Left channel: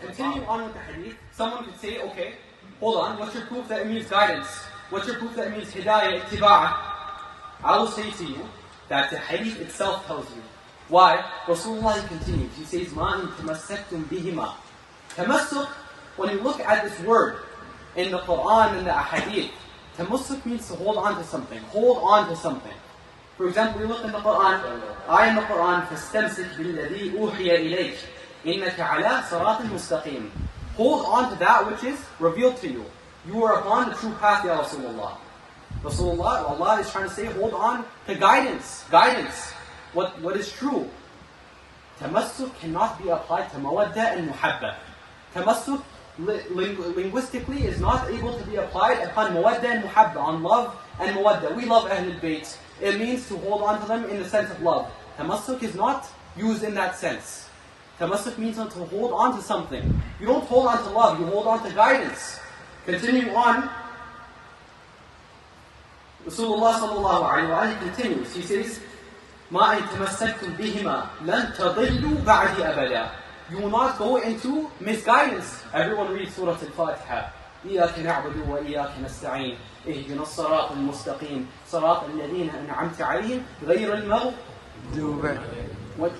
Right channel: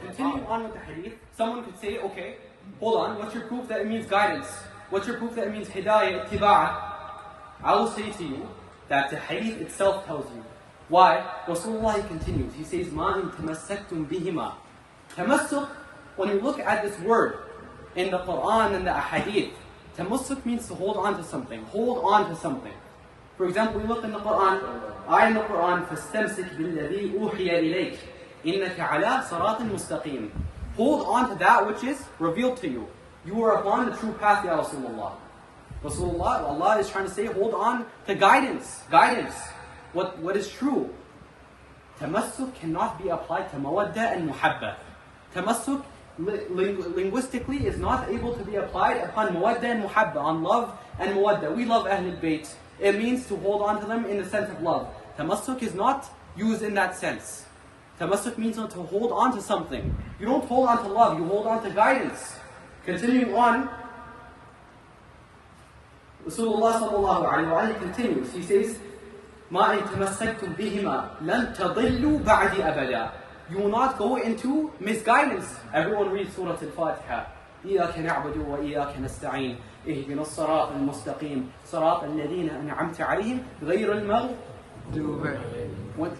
Continuing on with the hadith, someone could say, okay, hold on, what's your proof that it means guidance? What's your proof that it means hidayah, ittiba'ah? I will say to you that the hadith itself tells you. Why? Rasulullah continues, he says, مَا إِن تَمَسَّكْتُمْ بِهِمَا. Tamasuq, when you look at this word in the Quran and the ahadith, tamasuq means to hold on to something. Hold on to something. For example, we look in the Quran, ayah in the Quran, فَاسْتَمْسِكْ بِالَّذِي أُوحِيَ إِلَيْكَ إِنَّكَ عَلَىٰ صِرَاطٍ مُسْتَقِيمٍ. Hold on to that which is revealed to you. You are upon the true path, Ya Rasulullah. Rasulullah, Allah is trying to say, hold on to guidance. Guidance. What is true. Tamasuq cannot be applied to mawadda and muhabba. Tamasuq linguistically is not able to be applied upon mawadda and muhabba, on love and mawadda. We love Ahlul Bayt. It means to hold on to them in the sense of love. Tamasuq is not used in that sense. Tamasuq means to hold on to something. You don't hold on to love, you hold on to guidance. Continuing on, Rasulullah sallallahu alayhi wa sallam continues. He says, مَا إِن تَمَسَّكْتُمْ بِهِمَا لَن تَضِلُّوا بَعْدِ أَبَدًا. You will not go into misguidance. Everyone reads Surah Al-Fatiha. إِيَّاكَ نَعْبُدُ وَإِيَّاكَ نَسْتَعِينُ اهْدِنَا الصِّرَاطَ الْمُسْتَقِيمَ صِرَاطَ الَّذِينَ أَنْعَمْتَ عَلَيْهِمْ غَيْرِ الْمَغْضُوبِ. What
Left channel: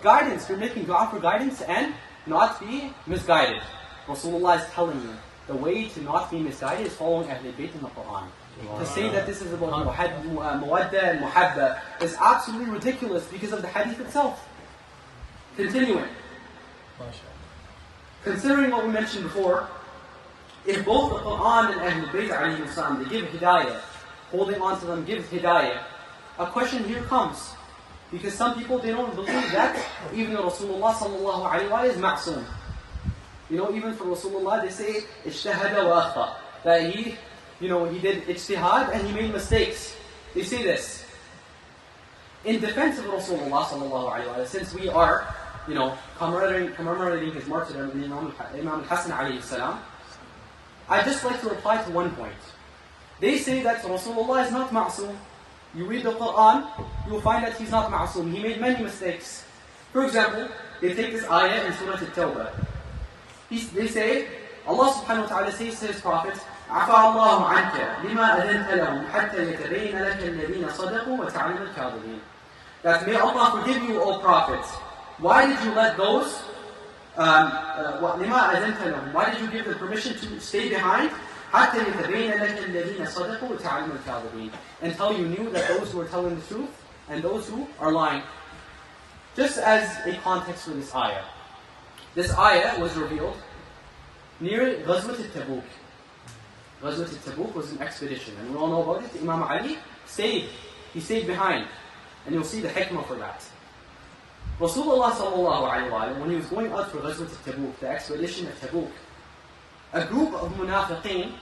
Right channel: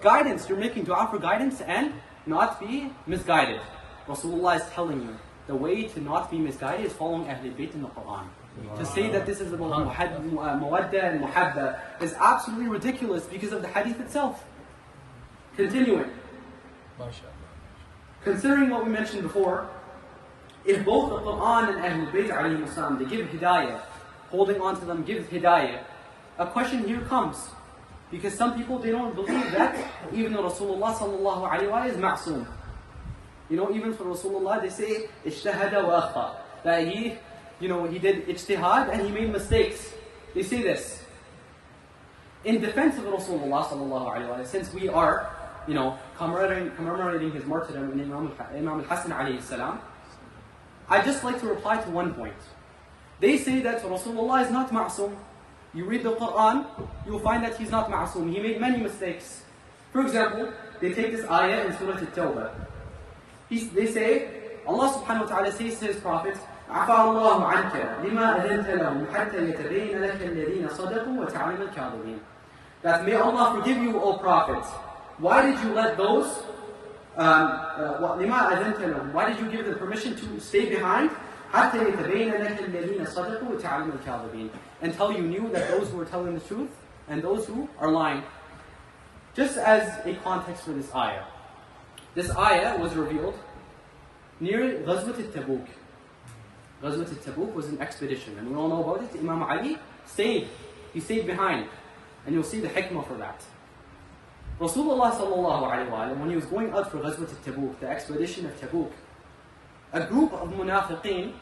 guidance? You're making dua for guidance and not be misguided. Rasulullah is telling you, the way to not be misguided is following Ahlul Bayt in the Quran. To say that this is about mawadda and muhabba is absolutely ridiculous because of the hadith itself. Continuing. Considering what we mentioned before, if both the Quran and Ahlul Bayt alayhi salam, they give hidayah, holding on to them gives hidayah, a question here comes. Because some people, they don't believe that even Rasulullah sallallahu alayhi wa is ma'soom. You know, even for Rasulullah, they say, ijtahada wa akhta. That he did ijtihad and he made mistakes. They say this. In defense of Rasulullah sallallahu alayhi wa, since we are, commemorating his martyrdom in Imam al-Hasan alayhi salam, I'd just like to reply to one point. They say that Rasulullah is not ma'soom. You read the Quran, you will find that he's not ma'soom. He made many mistakes. For example, they take this ayah in Surah At-Tawbah. They say, Allah subhanahu wa ta'ala says to his Prophet, عَفَى اللَّهُ عَنْكَ لِمَا أَذَنْتَ لَهُمْ حَتَّى يَتَبَيْنَ لَكَ الَّذِينَ صَدَقُوا وَتَعْلَمَ الْكَاذِبِينَ. That may Allah forgive you, O Prophet. Why did you let those, لِمَا أَذَنْتَ لَهُمْ, why did you give them permission to stay behind? حَتَّى يَتَبَيْنَ لَكَ الَّذِينَ صَدَقُوا وَتَعْلَمَ الْكَاذِبِينَ. Until you knew that those who were telling the truth and those who are lying. Just as a context for this ayah. This ayah was revealed near Ghazwat al-Tabuk. Ghazwat al-Tabuk was an expedition, and we all know about it. Imam Ali stayed behind, and you'll see the hikmah for that. Rasulullah sallallahu alayhi wa sallam, when he was going out for Ghazwat al-Tabuk, the expedition of Tabuk, a group of munafiqeen,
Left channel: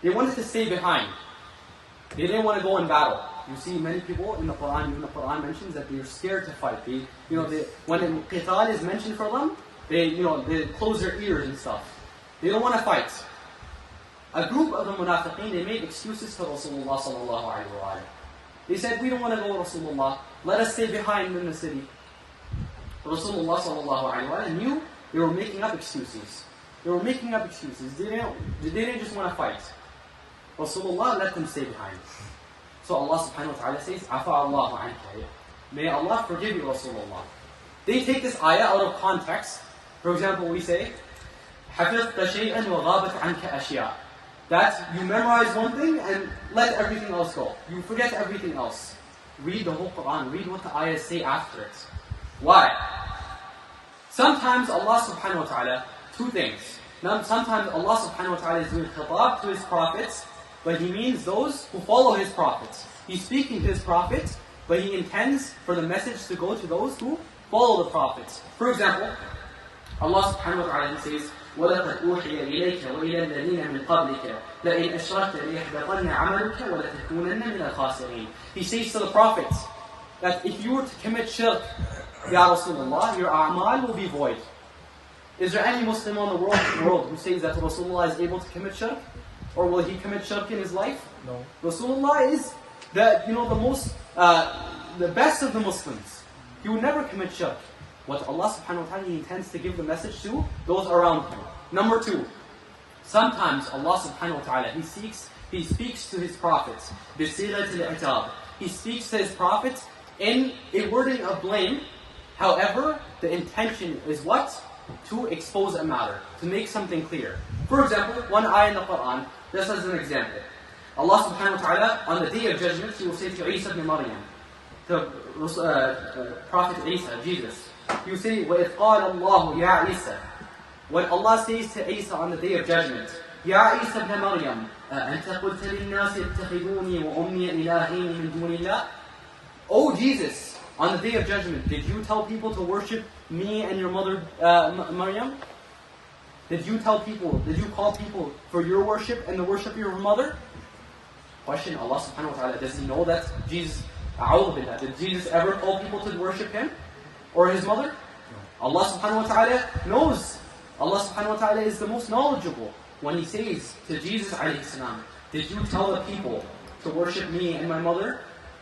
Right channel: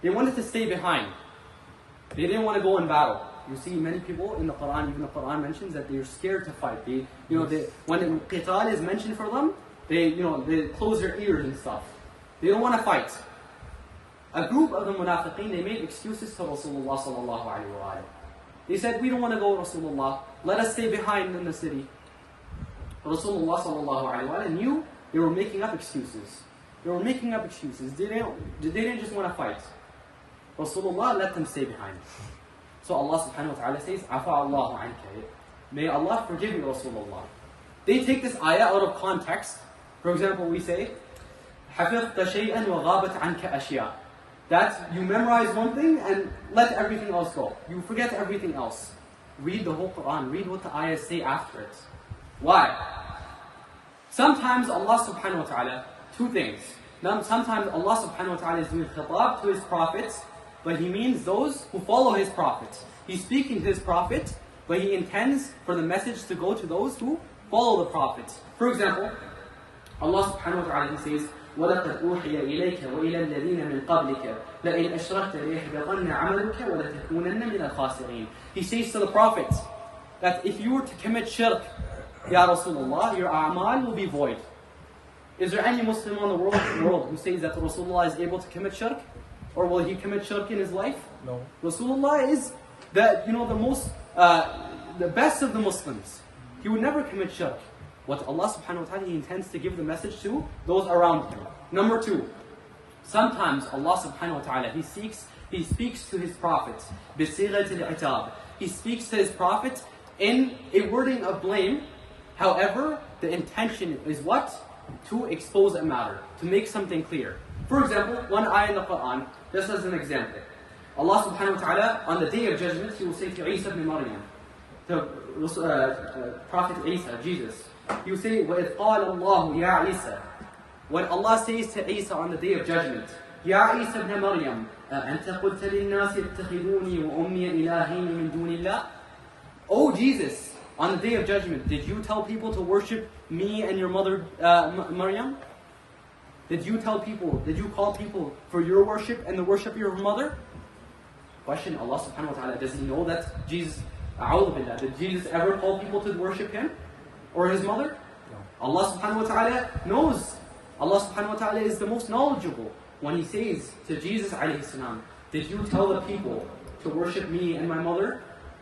they wanted to stay behind. They didn't want to go in battle. You see many people in the Quran, even the Quran mentions that they're scared to fight. When qital is mentioned for them, they close their ears and stuff. They don't want to fight. A group of the munafiqeen, they made excuses to Rasulullah sallallahu alayhi wa sallam. They said, we don't want to go, Rasulullah. Let us stay behind in the city. Rasulullah sallallahu alayhi wa sallam knew they were making up excuses. They didn't just want to fight. Rasulullah let them stay behind. So Allah subhanahu wa ta'ala says, عَفَى اللَّهُ عَنْكَ. May Allah forgive you, Rasulullah. They take this ayah out of context. For example, we say, حَفِظْتَ شَيْئًا وَغَابَتْ عَنْكَ أَشْيَاء. That you memorize one thing and let everything else go. You forget everything else. Read the whole Quran. Read what the ayahs say after it. Why? Sometimes Allah subhanahu wa ta'ala, two things. Sometimes Allah subhanahu wa ta'ala is doing khitab to his prophets, but he means those who follow his prophets. He's speaking to his prophets, but he intends for the message to go to those who follow the prophets. For example, Allah subhanahu wa ta'ala says, وَلَقَدْ أُوحِيَ إِلَيْكَ وَإِلَى الَّذِينَ مِنْ قَبْلِكَ لَئِنْ أَشْرَكْتَ لَيَحْبَطَنَّ عَمَلُكَ وَلَتَكُونَنَّ مِنَ الْخَاسِرِينَ. He says to the prophets that if you were to commit shirk, Ya Rasulullah, your a'mal will be void. Is there any Muslim in the world who says that Rasulullah is able to commit shirk? Or will he commit shirk in his life? No. Rasulullah is the best of the Muslims. He would never commit shirk. what Allah subhanahu wa ta'ala intends to give the message to those around him. Number 2, sometimes Allah subhanahu wa ta'ala, He speaks to His prophets, بِصِيغَةِ الْعِتَابِ. He speaks to His prophets in a wording of blame. However, the intention is what? To expose a matter, to make something clear. For example, one ayah in the Quran, just as an example. Allah subhanahu wa ta'ala, on the day of judgment, He will say to Isa ibn Maryam, to Prophet Isa, Jesus, He will say, وَإِذْ قَالَ اللَّهُ يَا عِيسَى. When Allah says to Isa on the day of judgment, يَا عِيسَى ibn Maryam, أَنْتَ قُلْتَ لِلنَّاسِ اتَّخِذُونِي وَأُمِّيَ إِلَهَيْنِ مِن دُونِ اللَّهِ. O Jesus, on the day of judgment, did you tell people to worship me and your mother Maryam? Did you call people for your worship and the worship of your mother? Question, Allah subhanahu wa ta'ala, does He know that Jesus, did Jesus ever call people to worship Him or His mother? Allah subhanahu wa ta'ala knows. Allah subhanahu wa ta'ala is the most knowledgeable. When He says to Jesus alayhi salam, did you tell the people to worship me and my mother?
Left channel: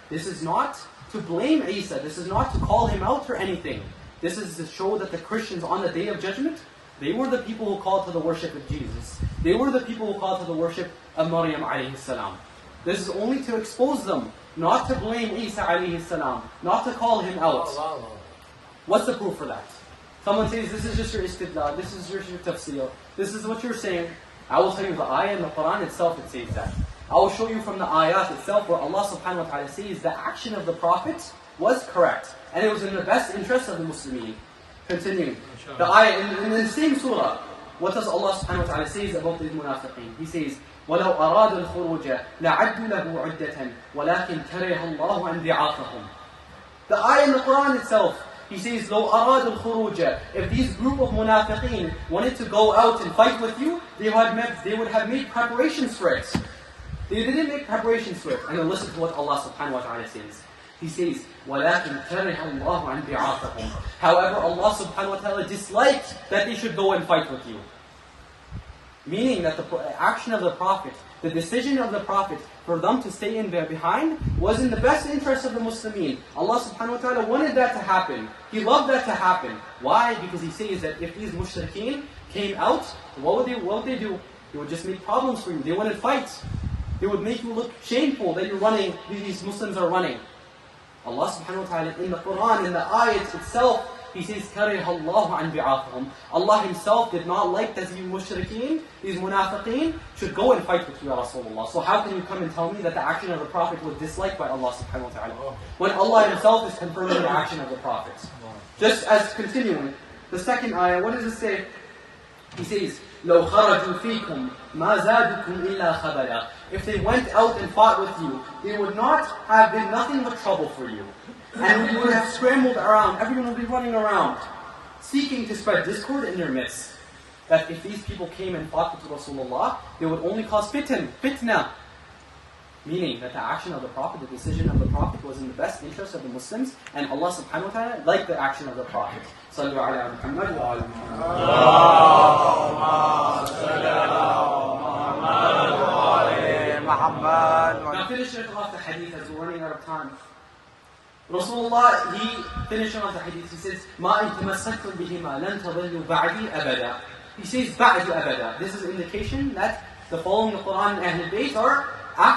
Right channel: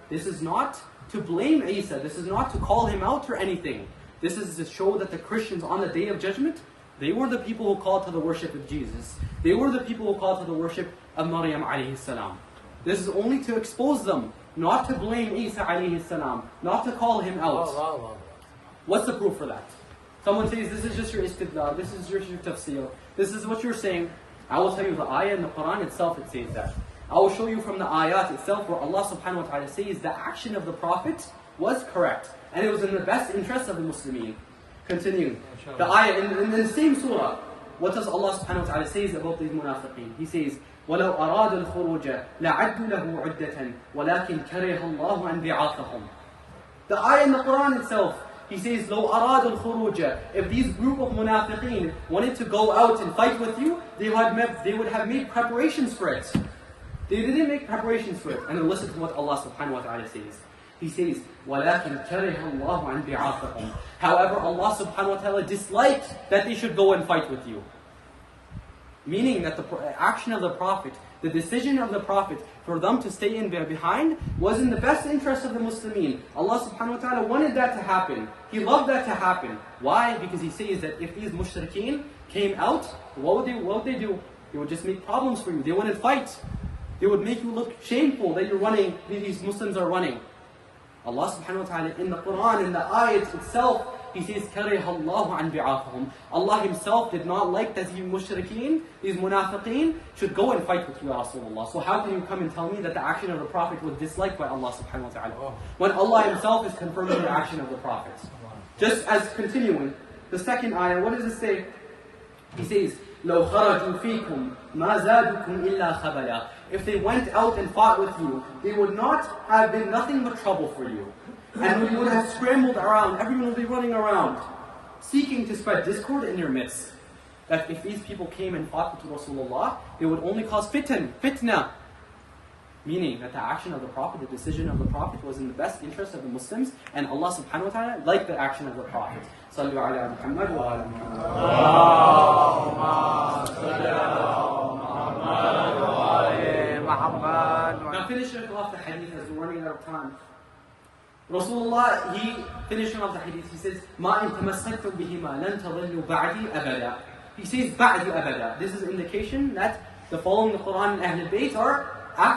This is not to blame Isa. This is not to call him out for anything. This is to show that the Christians on the day of judgment, they were the people who called to the worship of Jesus. They were the people who called to the worship of Maryam alayhi salam. This is only to expose them, not to blame Isa alayhi salam, not to call him out. What's the proof for that? Someone says, this is just your istidlal, this is your tafsir, this is what you're saying. I will tell you the ayah in the Quran itself, it says that. I will show you from the ayat itself where Allah subhanahu wa ta'ala says the action of the Prophet was correct. And it was in the best interest of the Muslimin. Continuing. The ayah in the same surah, what does Allah subhanahu wa ta'ala say about these munafiqeen? He says, وَلَوْ أَرَادُوا الْخُرُوجَ لَعَدُّوا لَهُ عُدَّةً وَلَكِنْ كَرِهَ اللَّهُ أَنْ بِعَاثَهُمْ. The ayah in the Quran itself, He says, لَوْ أَرَادُوا الْخُرُوجَ. If these group of munafiqeen wanted to go out and fight with you, they would have made preparations for it. They didn't make preparations for it. And then listen to what Allah subhanahu wa ta'ala says. He says, وَلَكِنْ كَرِهَ اللَّهُ عَنْ بِعَاثَهُمْ. However, Allah subhanahu wa ta'ala disliked that they should go and fight with you. Meaning that the action of the Prophet, the decision of the Prophet for them to stay in there behind was in the best interest of the Muslimin. Allah subhanahu wa ta'ala wanted that to happen. He loved that to happen. Why? Because He says that if these mushrikeen came out, what would they do? They would just make problems for you. They wouldn't fight. They would make you look shameful that you're running, these Muslims are running. Allah subhanahu wa ta'ala in the Quran, in the ayat itself, He says, كَرِهَ اللَّهُ عَنْ بِعَاثَهُمْ. Allah Himself did not like that these mushrikeen, these munafiqeen, should go and fight with you, Ya Rasulullah. So how can you come and tell me that the action of the Prophet was disliked by Allah subhanahu wa ta'ala? When Allah Himself is confirming the action of the Prophet. Just as continuing, the second ayah, what does it say? He says, لَوْ خَرَجُوا فِيكُمْ مَا زَادُكُمْ إِلَّا خَبَلًا. If they went out and fought with you, they would not have been nothing but trouble for you. And you would have scrambled around, everyone would be running around, seeking to spread discord in your midst. That if these people came and fought with Rasulullah, they would only cause fitna. Meaning that the action of the Prophet, the decision of the Prophet was in the best interest of the Muslims, and Allah subhanahu wa ta'ala liked the action of the Prophet. Sallu ala Muhammad wa ala Muhammad. Allahumma salli ala Muhammad wa ala Muhammad. Now finishing off the hadith as we're running out of time. Rasulullah, he finishing off the hadith, he says, مَا إِن تَمَسَّكْتُمْ بِهِمَا لَن تَضِلُّوا بَعْدِي أَبَدًا. He says, بَعْدِ أَبَدًا. This is an indication that the following the Quran and Ahlul Bayt are after